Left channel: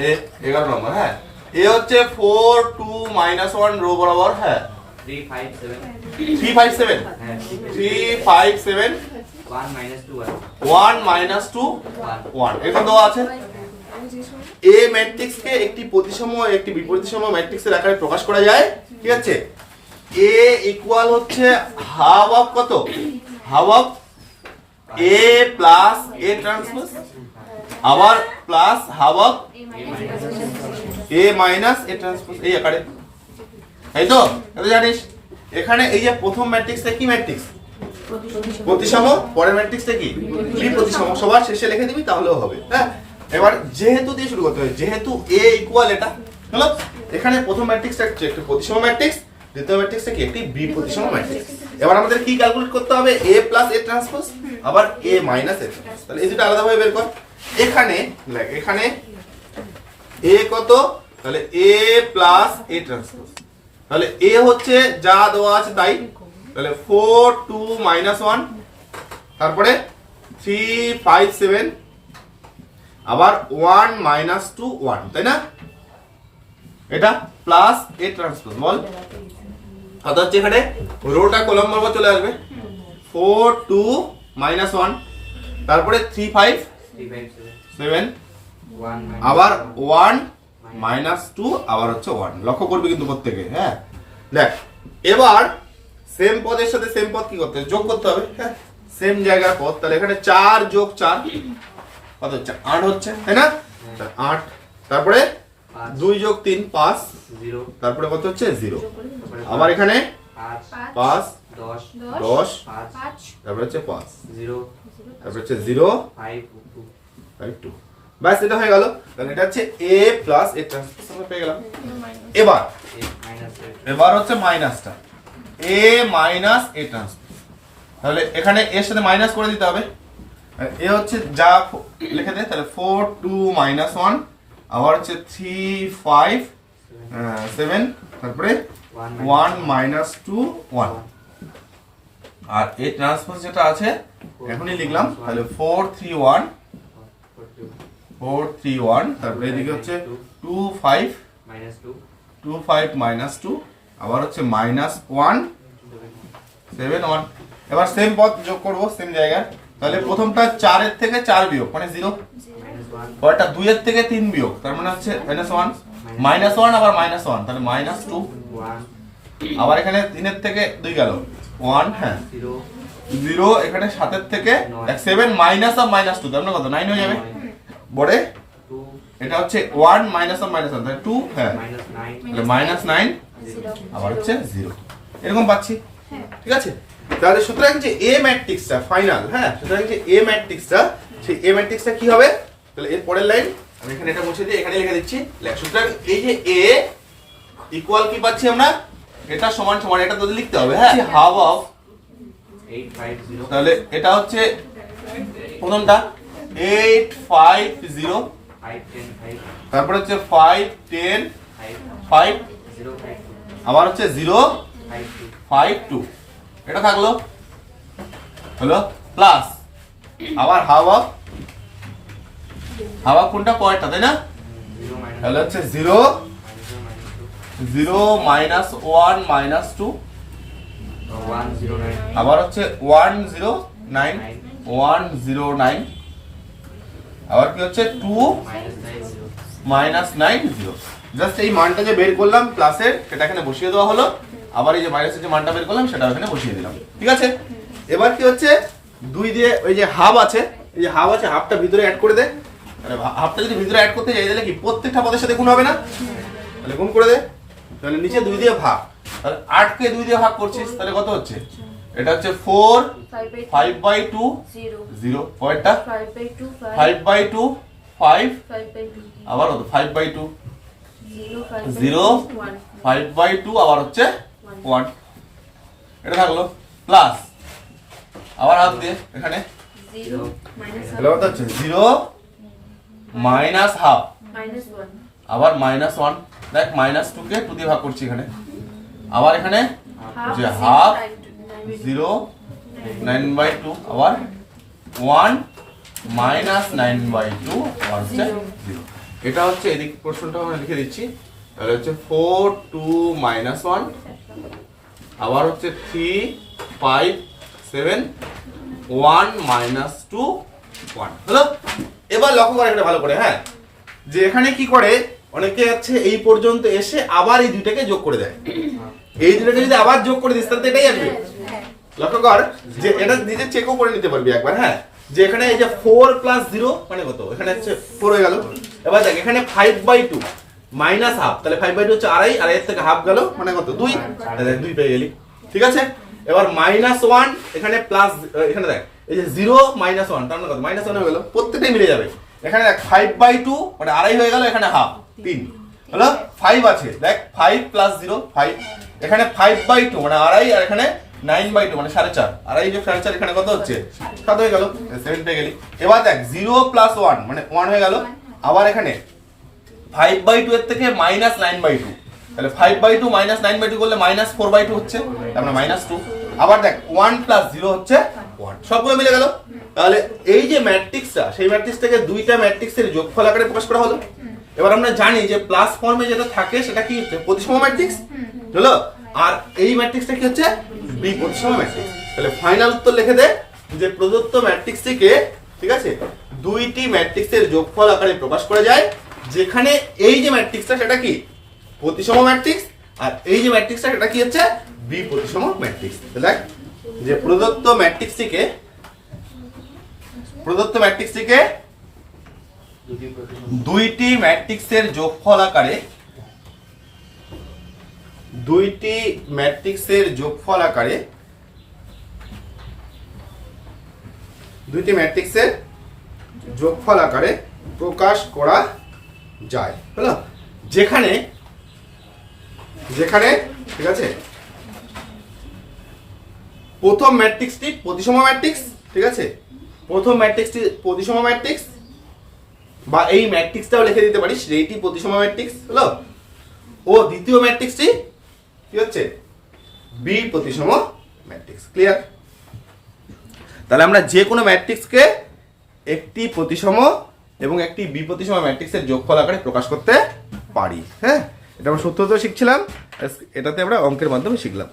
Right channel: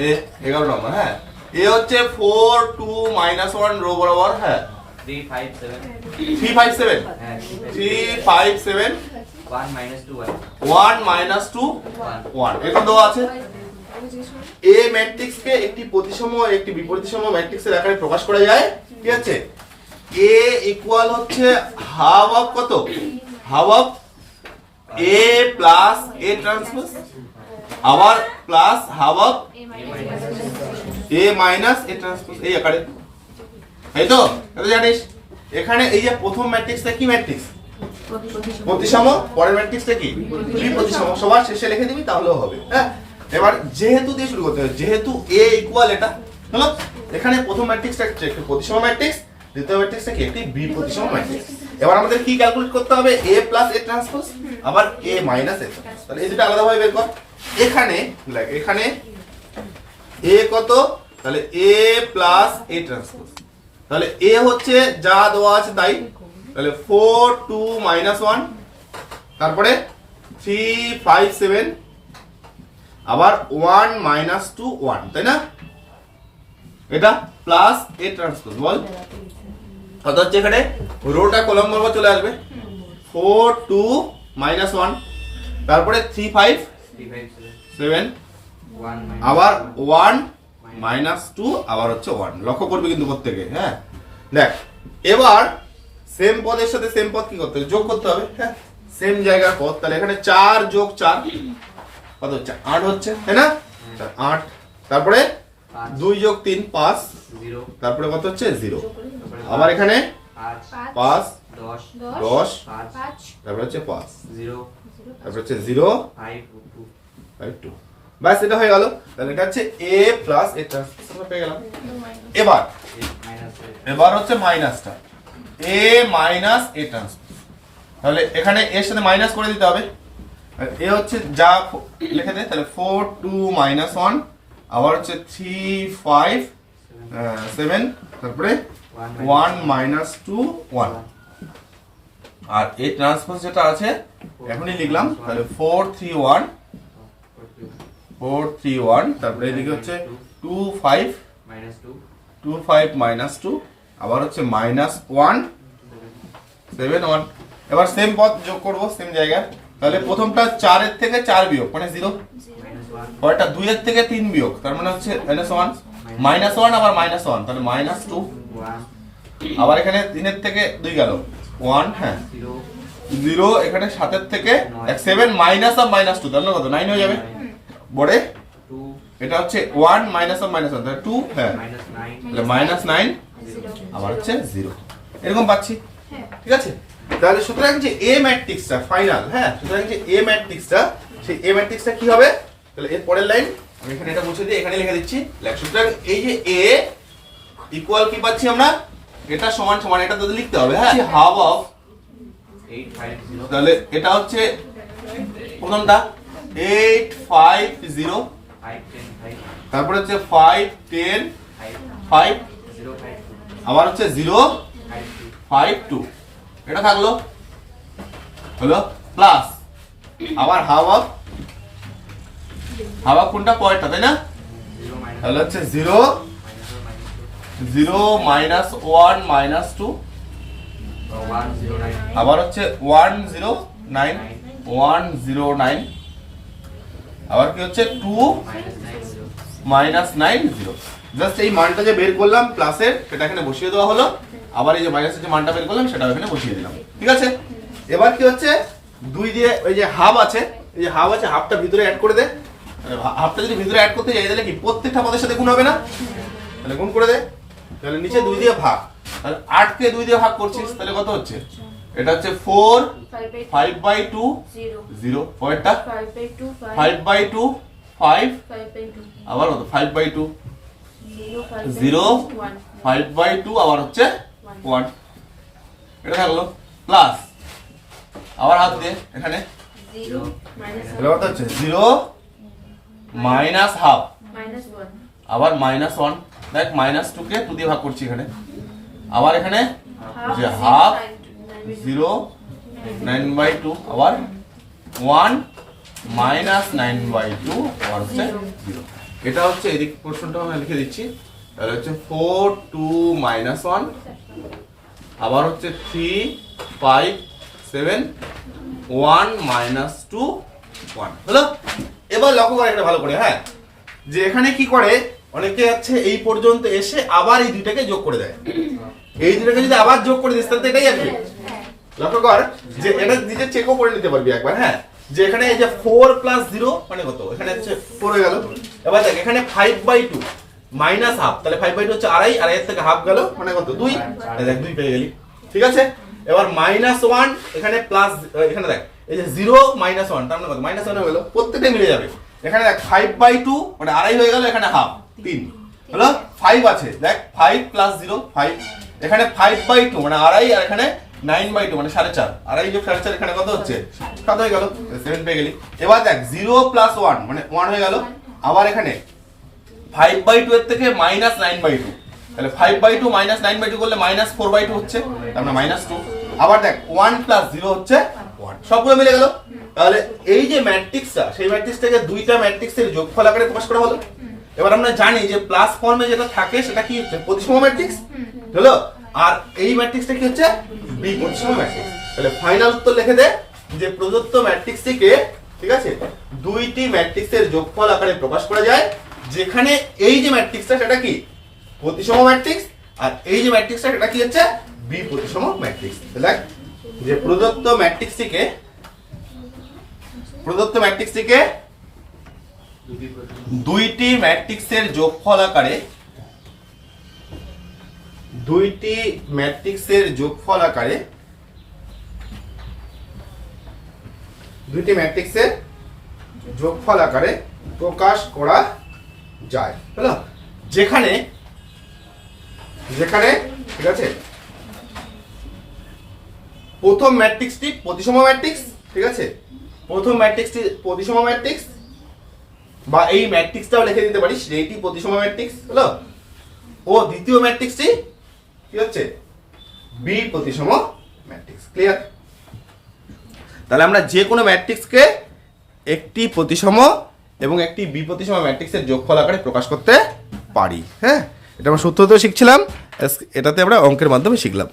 এ এগারো নম্বর হ্যাঁ এ হচ্ছে four two minus one row বরাবর হ্যাঁ? Three five seven three five seven হ্যাঁ ওয়ান মাইনাস টু ওয়ান এরকম দেওয়া আছে এ ম্যাট্রিক্সকে একটি প্রতিসম একটি বিপরীতসম ম্যাট্রিক্সের আকারে প্রকাশ করা যায় ঠিক আছে? এ ইকুয়াল হচ্ছে হাফ অফ কত? Half of A plus A transpose আবার plus half of A minus A transpose এই আকারে। তাই তো? জানিস, এখানে এই যে প্রথম ম্যাট্রিক্সটা কি ম্যাট্রিক্স প্রতিসম, পরের ম্যাট্রিক্সটা কি? প্রতিসম সবার শেষে লিখে দিবি, তাহলেও হবে। হ্যাঁ? এবার যেহেতু দিয়ে শুরু করতে হবে, যেহেতু এ ইকুয়াল এটা, হলো? এখানে প্রথম ম্যাট্রিক্সটা প্রতিসম ম্যাট্রিক্স দ্বিতীয় ম্যাট্রিক্সটা কি একটি বিপ্রতিসম ম্যাট্রিক্স এবার আমাদের কি ক্যালকুলেট করতে হবে? এ প্লাস এ ট্রান্সপোজ আবার এ মাইনাস এ তাহলে এই দুটো আলাদাভাবে বের কর। এখানে, দেখ, এখানে এ কত? তাহলে এ প্লাস এ ট্রান্সপোজ তাহলে এ হচ্ছে যা দেওয়া আছে তাই। তাহলে ফোর টু মাইনাস ওয়ান তারপরে থ্রি ফাইভ সেভেন আবার ওয়ান মাইনাস টু ওয়ান তাই না? এটা প্লাস এ ট্রান্সপোজ বল। কত হচ্ছে এখানে রোটা কলম বরাবর চলে আসবে। ফোর টু মাইনাস ওয়ান তারপরে থ্রি ফাইভ সেভেন আবার ওয়ান মাইনাস টু আবার হচ্ছে ওয়ান। লক্ষ্য করবে কিন্তু প্রত্যেকে হ্যাঁ? দেখ এবার সেম পদের সাথে সেম পদ কি করতে হবে? যোগ করতে হবে হ্যাঁ? সেম জায়গার পদ তাহলে এখানে চার যোগ চার কত হচ্ছে? আট হচ্ছে তাই না? আট তারপরে দুই যোগ তিন পাঁচ। জিরো। তারপরে কত হচ্ছে? জিরো। আবার এখানে? পাঁচ দশ তারপরে হচ্ছে পাঁচ। তারপরে হচ্ছে জিরো। Five two. ব্যাস এটা হয়ে গেল। তাহলে এটা হচ্ছে এ প্লাস এ ট্রান্সফার পেয়ে গেলাম। এবার। এবার হচ্ছে মাইনাসটা। এ মাইনাস এ তাহলে এখানে এর সাথে মাইনাস করে দিতে হবে। এ হচ্ছে যা লিখে দে তাহলে ফোর টু মাইনাস ওয়ান আবার হচ্ছে থ্রি ফাইভ সেভেন তারপরে ওয়ান মাইনাস টু ওয়ান আর এ ট্রান্সপোজ যেটা আছে, এখনই লিখলাম, তাহলে four three one four three one তারপরে এদিকে হচ্ছে two five two five minus two আবার হচ্ছে মাইনাস ওয়ান সেভেন ওয়ান এবার সেম পথ যোগ করব সেম জায়গায়। তাহলে প্রথমটা চারের থেকে চার বিয়োগ মানে জিরো পরেরটা দুইয়ের থেকে তিন বিয়োগ। তার মানে হচ্ছে মাইনাস ওয়ান মাইনাস ওয়ান আবার মাইনাস ওয়ান তাহলে মাইনাস টু আবার এখানে তিনের থেকে দুই গেল। ওয়ান হ্যাঁ। জিরো এখানে সাতের থেকে seven minus of minus two মানে কত? নাইন হয়ে যাবে। বড়ে এটা হচ্ছে ওয়ান মাইনাস অফ মাইনাস তাহলে টু হ্যাঁ। তাহলে মাইনাস নাইন আবার হচ্ছে জিরো এরকম পাচ্ছি। ঠিক আছে? তাহলে সুতরাং যে এ ম্যাট্রিক্সটা ফাইনাল হ্যাঁ? সুতরাং যে এ ম্যাট্রিক্সটা সেই এ ম্যাট্রিক্সটা কি হবে? তাহলে এর পরের লাইন আমি এখানে এটা বসে দিয়ে এখানে লিখে দিচ্ছি। সুতরাং এই যে এ ইকুয়াল কি পাচ্ছি আমরা? এটা সমান সমান এটা তো লিখতে হবে হ্যাঁ? হাফ অফ তাহলে এটা হচ্ছে প্রথমটা এইট ফাইভ জিরো তারপরে হচ্ছে ফাইভ টেন ফাইভ আবার হচ্ছে জিরো ফাইভ টু এটা থাকল? হলো প্লাস আবার হাফ অফ অফ কোনটা পরেরটা, তাই না? তাহলে হচ্ছে zero zero minus one minus two. আবার হচ্ছে one zero nine, one zero nine. আবার কি হচ্ছে? Two minus nine zero. Just এই মানটা যে বের করলাম প্লাসের, সেটা এখানে বসিয়ে দেওয়া হলো। আবার এই যে মাইনাসের যে মানটা বের করলাম সেটা এখানে বসিয়ে দিলাম। ঠিক আছে? এবার কি হচ্ছে? দুই দিয়ে ওই যে হাফ আছে, এই যে হাফ আছে, হাফটা ভিতরে অ্যাড করে দে। আরে হা- হাফটা যদি ভিতরে অ্যাড করতে যাই তাহলে কি প্রত্যেকটা পদের সাথে গুণ হবে না? তাহলে গুণ করে দে। তাহলে নিচে দুই দিয়ে ভাগ। তাহলে আটকে দুই দিয়ে ভাগ করছিস তাহলে কত হচ্ছে? এটা হচ্ছে four five by two zero পরেরটা? ফাইভ বাই টু ফাইভ আবার কত? Five by two zero five by two আবার হচ্ছে ওয়ান এটা থাকল। প্লাস আবার হাত দিয়ে এখানে। তাহলে কত হচ্ছে জিরো মাইনাস হাফ। আবার মাইনাস ওয়ান দেখ মাইনাস টু কে টু দিয়ে ভাগ করছি এখানে। আবার এখানে যে half zero nine by two আবার one minus nine by two আবার হচ্ছে জিরো এটা হচ্ছে এদিক প্রশ্নটা আমি লিখে দিচ্ছি। তাহলে হচ্ছে ফোর টু মাইনাস ওয়ান আবার হচ্ছে three five seven one minus two one হলো? এবার লক্ষ্য করে এটা ভালো করে হ্যাঁ? যে এখানে কি করে? অনেকে আছে এই পর্যন্ত এসে আবার এই দুইটাকে যোগ করে দেয়। এই দুটাকে যদি আবার যোগ করে দিস, তাহলে এটাই আসবে লক্ষ্য কর যে এটা নিজে চেকও করে নিতে পারবি একবার হ্যাঁ? যে এখানে এই যে ফোর প্লাস জিরো মানে কত? এখানে হচ্ছে ফোর হয়ে গেল। এবার দেখ, এখানে five by two minus half তাহলে ফাইভ বাই টু হচ্ছে আড়াই, আর এর থেকে হাফ গেল মানে কত? দুই। দেখ, দুই পেয়ে গেলি। ঠিক আছে? এবার মাইনাস ওয়ান এখানে প্লাস এখানে দেখ এই যে জিরো মাইনাস ওয়ান তার মানে কত? মাইনাস ওয়ান গেল, প্রত্যেকটাই মিলে যাবে। এখানে দেখ ফাইভ বাই টু মানে আড়াই হয়ে গেল, এখানে হাফ তিন। হলো? ফাইভ আছে, দেখ ফাইভ প্লাস জিরো ফাইভ এখানে ফাইভ বাই টু মানে আড়াই, আর এখানে নাইন বাই টু মানে সাড়ে চার। আড়াই যোগ সাড়ে চার, এখানে কত হচ্ছে? সাত হয়ে গেল সেভেন পেয়ে গেলি। এবার দেখ জিরো প্লাস ওয়ান মানে ওয়ান হয়ে গেল। আবার এখানে ফাইভ বাই টু এর থেকে মাইনাস নাইন বাই টু তাহলে five by two minus nine by two করলে মাইনাস ফোর বাই টু হচ্ছে তারপরে মাইনাস টু আবার দেখ ওয়ান প্লাস জিরো হচ্ছে ওয়ান সবগুলো মিলে গেল? তাহলে এই যে ম্যাট্রিক্সটা, সেই ম্যাট্রিক্সটাকে দুইটা ম্যাট্রিক্সের যোগফল আকারে প্রকাশ করা হলো। এবার আমরা জানি যে প্লাস ফর্মে যেটা থাকে, সেটা কি হচ্ছে? প্রতিসম ম্যাট্রিক্স? হলো? আর এই ম্যাট্রিক্সটা কি হচ্ছে? বি প্রতিসম ম্যাট্রিক্স। তাহলে ফাইনাল উত্তর লিখে দে যে প্রদত্ত ম্যাট্রিক্সটিকে, ঠিক আছে? দুইটি ম্যাট্রিক্সের যোগফল আকারে প্রকাশ করা যায়, যেখানে এই যে ম্যাট্রিক্সটা, সেটা কি? প্রতিসম ম্যাট্রিক্স। আর এই যে ম্যাট্রিক্সটা, সেটা কি হচ্ছে? বি প্রতিসম ম্যাট্রিক্স। দেখ যে প্রদত্ত ম্যাট্রিক্সটিকে প্রদত্ত দুটি প্রতিসম দুইটি ম্যাট্রিক্সের যোগফল আকারে, দুইটি ম্যাট্রিক্সের যোগফল আকারে, দুইটি ম্যাট্রিক্সের যোগফল আকারে প্রকাশ করা যায়। হলো যেখানে যেখানে, ঠিক আছে? প্রথম ম্যাট্রিক্সটি প্রতিসম ম্যাট্রিক্স ঠিক আছে? প্রথম ম্যাট্রিক্সটি প্রতিসম ম্যাট্রিক্স বা এই ম্যাট্রিক্সটাও লিখে দিতে পারিস এইটি প্রতিসম ম্যাট্রিক্স হলো? ও দ্বিতীয় ম্যাট্রিক্সটি কি হচ্ছে? বি প্রতিসম ম্যাট্রিক্স ক্লিয়ার তাহলে আমরা যে কোনো ম্যাট্রিক্সকে একটি প্রতিসম এবং একটি বি প্রতিসম ম্যাট্রিক্সের যোগফল আকারে প্রকাশ করতে পারি হ্যাঁ? এটা আমরা সূত্র সূত্রতেও শিখছিলাম এটাতে আমরা অঙ্কের মাধ্যমে শিখলাম।